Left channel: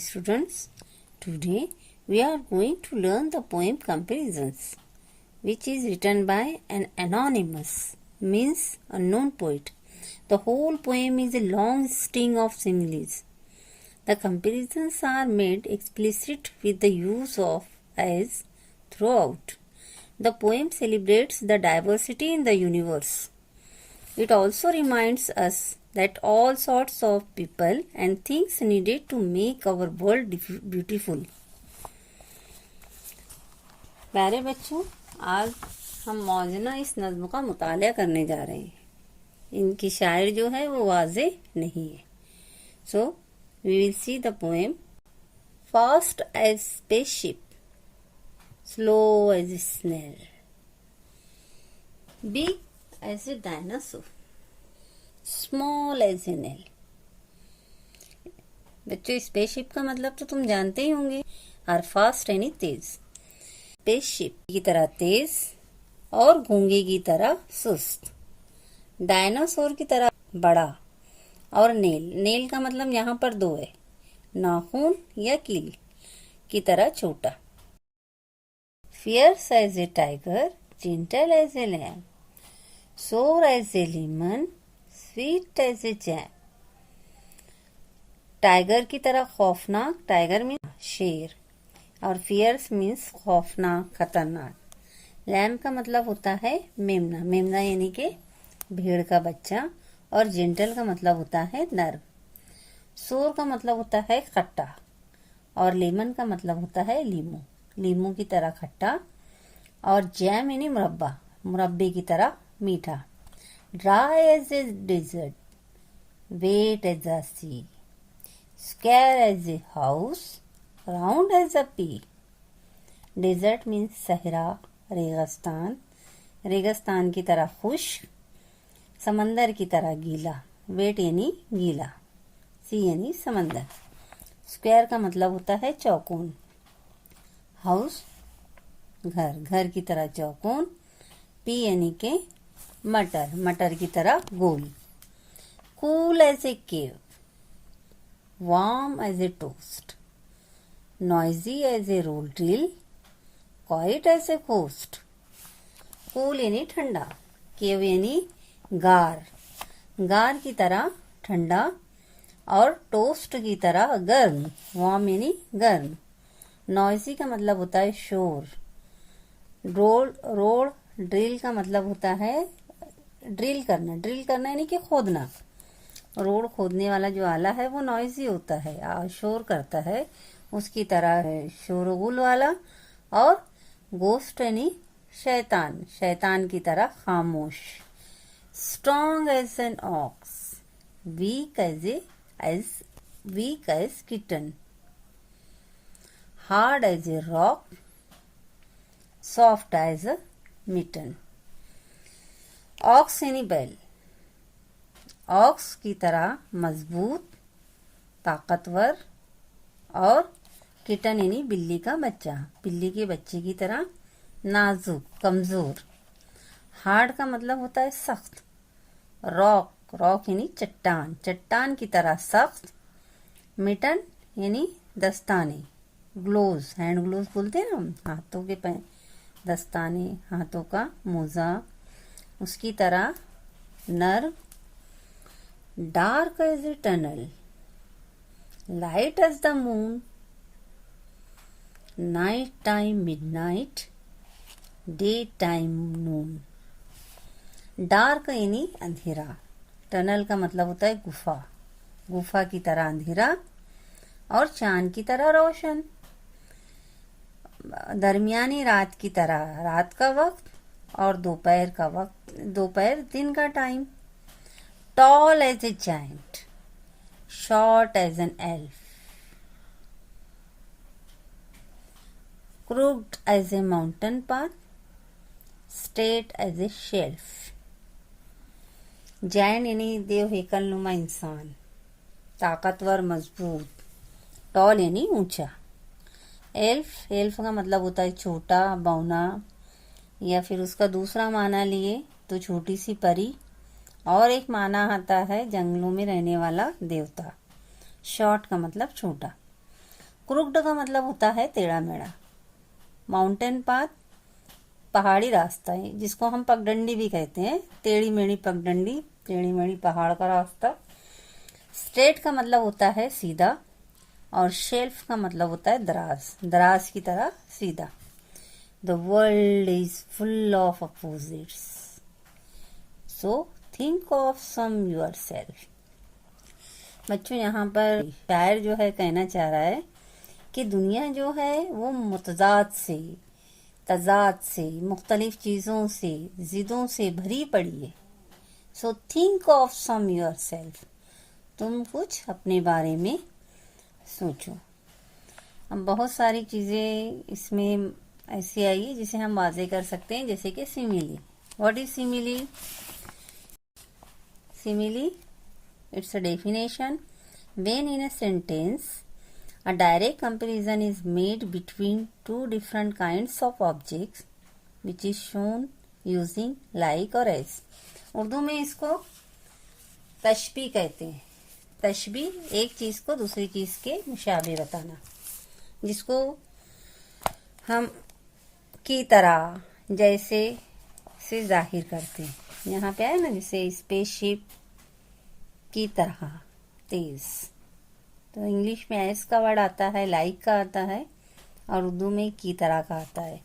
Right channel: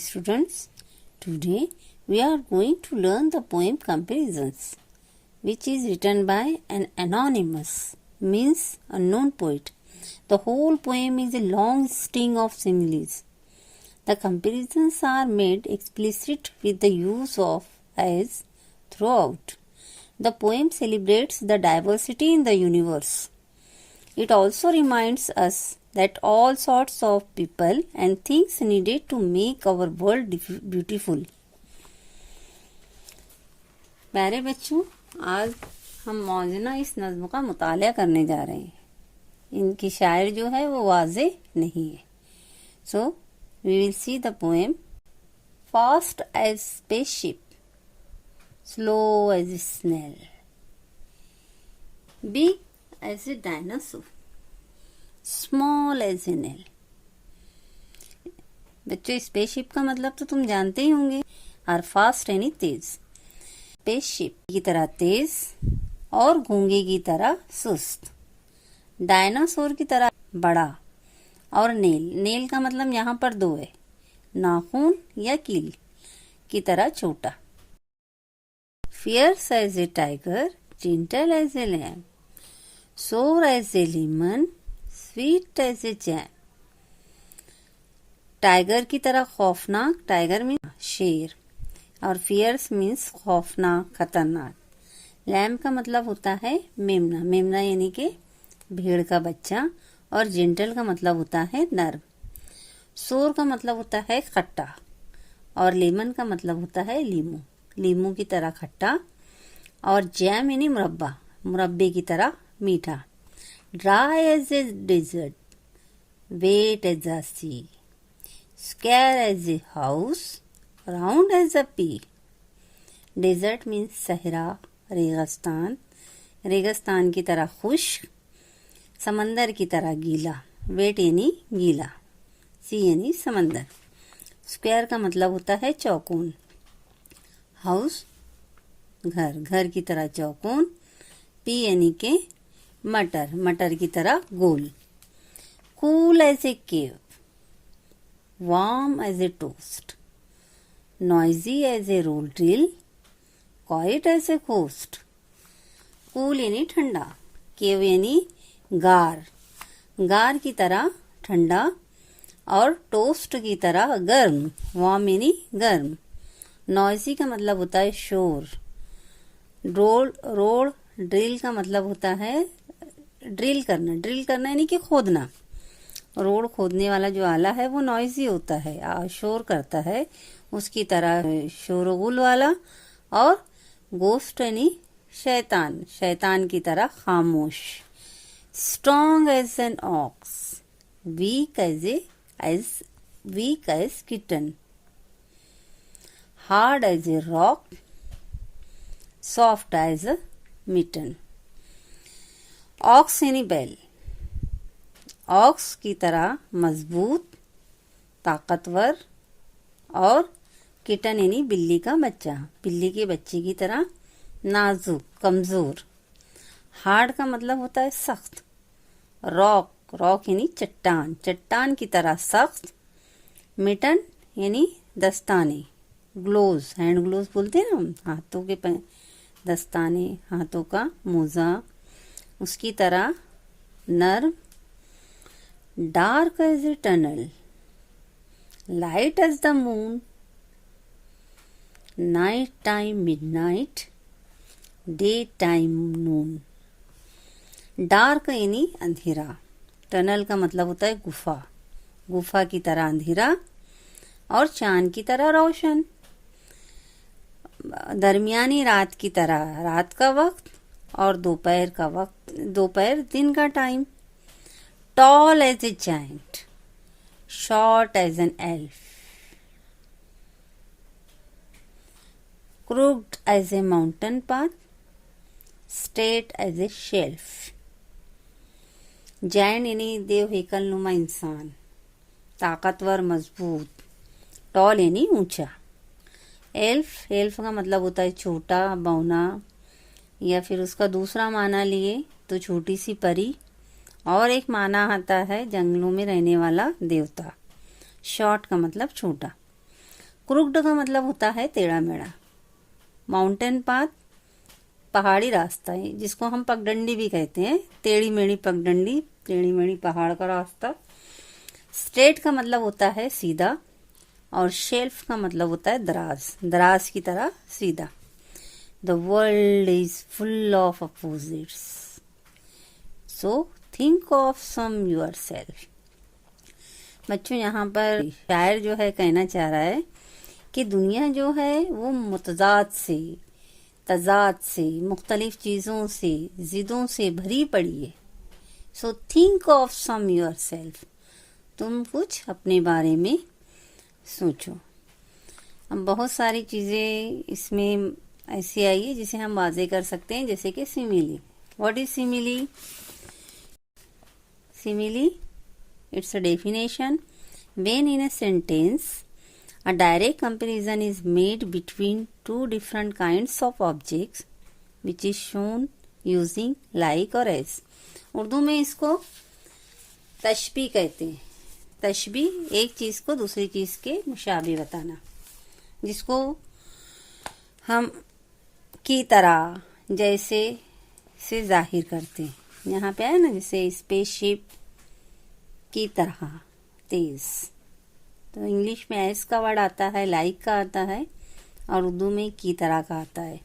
students. Today we are going to learn the poem Comparisons, which is written by an anonymous, means unknown poet. The whole poem is a long string of similes. The comparisons are made explicit with the use of as throughout. The poem celebrates the diversity in the universe. It also reminds us that all sorts of people and things needed to make our world beautiful. प्यारे बच्चों, आज हम मौजना इस नज्म का मुताला करने जा रहे हैं. इनकी शायर जो है वो वाजे नहीं है. So we will see the poem. Fast as spaceship, slow as snail, big as a dinosaur, small as a nail. बच्चों, स्पेसशिप का मतलब तो तुम जानते ही होंगे. आर फास्ट यानी तेज. स्पेसशिप की तरह तेज और गूंगे की तरह सुस्त. डायनासोर की तरह बड़ा. और नेल का मतलब यहाँ पर दो है, नाखून या कील की तरह छोटा. Fierce as a tiger, gentle as a lamb, sour as a lemon, sweet as a jam. Tiger की तरह खौफनाक. टाइगर में शेर. और फियर्स मीन्स खौफनाक, खतरनाक. लैम का मतलब होता है मेमना. मेमना यानी कि भेड़ का बच्चा. और जेंटल का मतलब होता है नर्म. सोर का मतलब होता है खट्टा. और लेमन का मतलब होता है लीमू. लीमू की तरह खट्टा. और जैम यानी मुरब्बा. मुरब्बे की तरह मीठा. Dry as a desert, wet as a sea, square as a house, round as a pea. Desert means सहरा, रेगिस्तान. रेगिस्तान की तरह खुश्क. समंदर की तरह गीला. वेट यानी गीला. सी यानी समंदर. स्क्वायर का मतलब होता है चौकोन. हाउस घर, घर की तरह चौकोन. पी यानी के मटर, मटर की तरह गोल. Cool as a cave, warm as a toast, noisy as a roll drill, quiet as a coast. Cool यानी ठंडा. केव यानी गार, गार की तरह ठंडा. और टोस्ट की तरह गर्म. वार्म यानी गर्म. नॉइजी का मतलब होता है शोर. रोड ड्रिल का मतलब होता है ड्रिल करना. ड्रिल करना यानी कि खोदना. रोड खोदने वाला जो आला है वो नॉइजी होता है, शोर करता है. उसकी तरह शोरगुल वाला. और गोस्ट यानी शैतान, शैतान की तरह खामोश. Strong as an ox, weak as kitten, hard as a rock, soft as a mitten. Ox यानी बैल. ऑक्स की तरह मजबूत, ताकतवर. और किटन यानी बिल्ली का बच्चा, बिल्ली के बच्चे की तरह नाजुक, कमजोर. हार्ड का मतलब होता है सख्त. रॉक यानी चट्टान, चट्टान की तरह सख्त. मिटन यानी दस्ताने. ग्लोव्स, हैंड ग्लोव्स बोलते हैं ना हम, हाथों के दस्ताने, हाथों का मोजा, उसकी तरह नर्म. Dark as a tunnel, light as the moon, night time midnight, day time noon. Dark यानी अंधेरा. टनल का मतलब होता है गुफा, गुफा की तरह अंधेरा. और चांद की तरह रोशन. दरमियानी रात की तरह रात का वक्त. और दोपहर का वक्त, दोपहर दिन का time. Tall as a giant, short as an elf, crooked as a mountain path, straight as a shelf. Giant यानी देव हेकल नुमा इंसान, ताकतवर, मजबूत. टॉल यानी ऊंचा. एल्फ का मतलब होता है छोटा, बौना. या फिर उसका दूसरा माना लिए तो छोटी सी परी. और एक माना आता है जंगलों में रहने वाला देवता. शॉर्ट का मतलब छोटा. क्रुक्ड का मतलब होता है टेढ़ा मेढ़ा। माउंटेन पाथ पहाड़ी रास्ता है, जिसको हम पगडंडी भी कहते हैं, टेढ़ी मेढ़ी पगडंडी, टेढ़ी मेढ़ी पहाड़ का रास्ता। स्ट्रेट का मतलब होता है सीधा, और शेल्फ का मतलब होता है दराज, दराज की तरह सीधा। The world is full of opposites, so think of some yourself. बच्चों, यहाँ पर शायर जो है कहना चाह रहा है कि दुनिया जो है वो मुतजाद से, तजाद से, मुख्तलिफ चीज़ों से, जिदों से भरी पड़ी है। So think of some yourself, तुम कुछ अपने बारे में सोचो। अब बहुत सारी चीज़ें इसमें ऐसी आई है जिसे हम वाजे कर सकते हैं, जैसे कि simile. What is simile? Simile, it's a definition when in a sentence a direct comparison is made between two different kinds of objects which is shown using like और as। उर्दू में इसको तशबीह कहते हैं। तशबीह एक चीज़ को दूसरी चीज़ के मुशाबे बताना, जिसको हम की तरह, जैसे से जाहिर करते हैं। यहाँ पे है ना, जैसे स्पेसशिप की तरह, तेज। तो इंग्लिश में एस का वर्ड आता है, लाइक का आता है, और उर्दू में की तरह का आता है।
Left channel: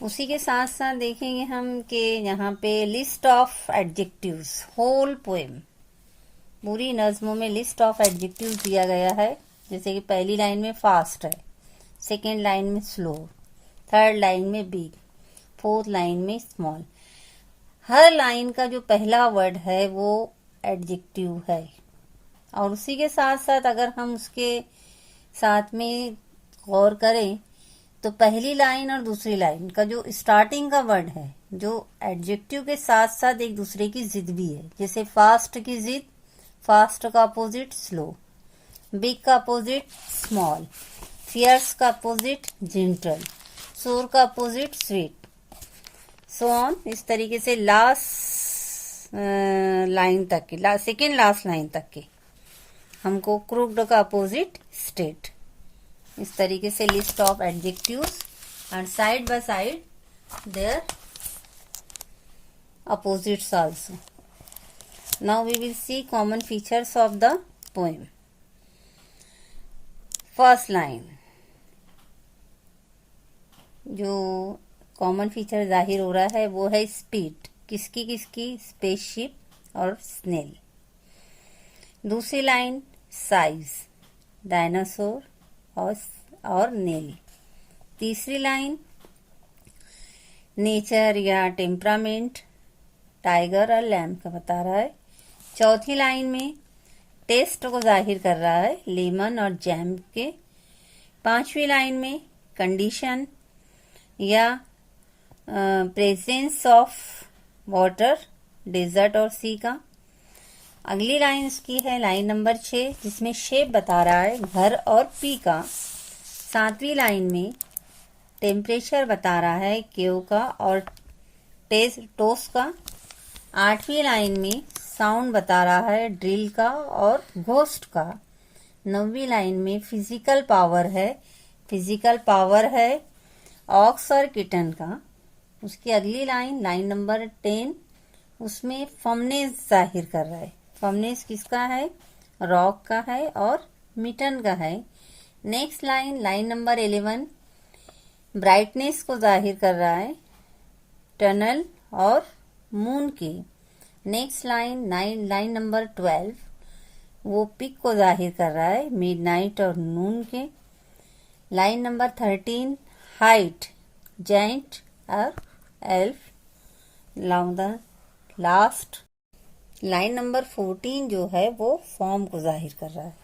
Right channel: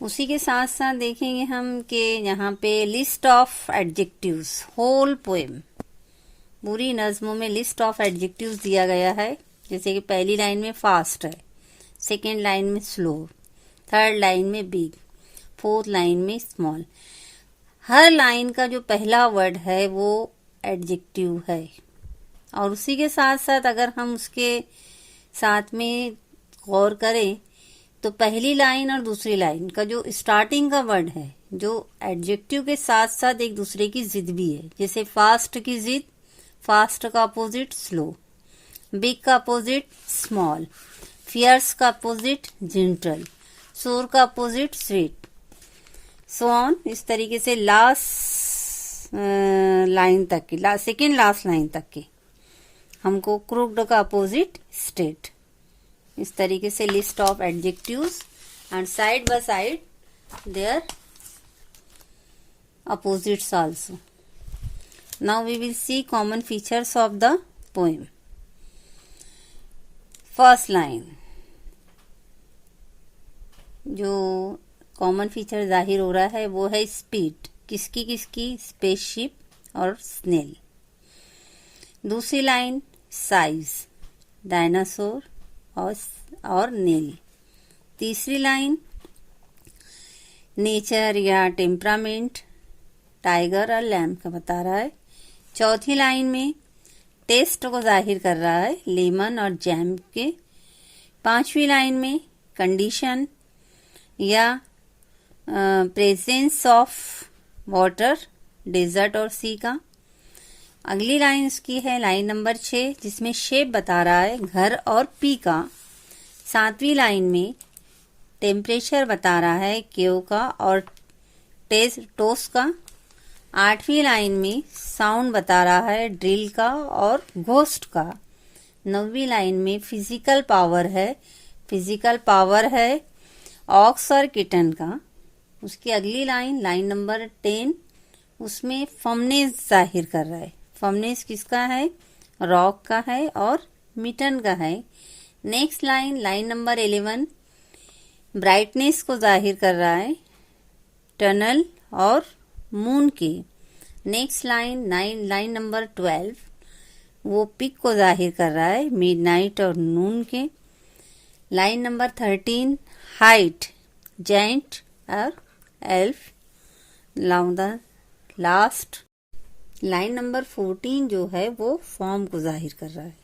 उसी के साथ साथ देखेंगे हम कि यहाँ पे list of adjectives, whole poem, पूरी नज्मों में लिस्ट ऑफ एडजेक्टिव्स दिया गया है। जैसे कि पहली लाइन में फास्ट है, सेकेंड लाइन में स्लो, थर्ड लाइन में बिग, फोर्थ लाइन में स्मॉल। हर लाइन का जो पहला वर्ड है वो एडजेक्टिव है। और उसी के साथ साथ अगर हम उसके साथ में गौर करें तो पहली लाइन और दूसरी लाइन का जो स्टार्टिंग का वर्ड है, जो एडजेक्टिव के साथ साथ एक दूसरे की जिद भी है। जैसे फास्ट की जिद, फास्ट का अपोजिट स्लो, बिग का अपोजिट स्मॉल, फियर्स का अपोजिट जेंटल, शोर का अपोजिट स्वीट, सो ऑन। इस तरीके से लास्ट लाइन तक की, सेकेंड लास्ट लाइन तक की हमको क्रूक्ड का अपोजिट स्टेट। इस तरीके से list of adjectives and side by side there opposites also. Now we will see common features of the poem. First line, जो कॉमन फीचर जाहिर हो रहा है वो है स्पीड। किसकी किसकी? स्पेसशिप और स्नेल। दूसरी लाइन साइज, डायनासोर और नेल। तीसरी लाइन नेचर या टेम्परामेंट, टाइगर और लैम्प का बता रहा है। चौथी लाइन में टेस्ट को जाहिर कर रहा है, लेमन और जैम के। पांचवी लाइन में कंडीशन या प्रेजेंस ऑफ वाटर, डेजर्ट और सी का। अगली लाइन इसकी है लाइन नंबर 6, जिसमें शेप बता रहा है घर और पी का। 7वीं लाइन में टेम्परेचर बता रहा है केव का और टोस का। 8वीं लाइन में साउंड बता रहा है ड्रिल का और घोस्ट का। 9वीं लाइन में फिजिकल पावर है ऑक्स और किटन का। उसकी अगली लाइन लाइन नंबर 10, उसमें फर्मनेस जाहिर कर रहा है। फर्मनेस किसका है? रॉक का है और मिटन का है। Next line line number 11 brightness को जाहिर कर रहा है, टनल और मून की। नेक्स्ट लाइन नंबर 12 वो पिक को जाहिर कर रहा है, मिडनाइट और नून के। लाइन नंबर 13 हाइट, जाइंट और एल्फ। लास्ट लाइन नंबर 14 जो है वो फॉर्म को जाहिर कर रहा है।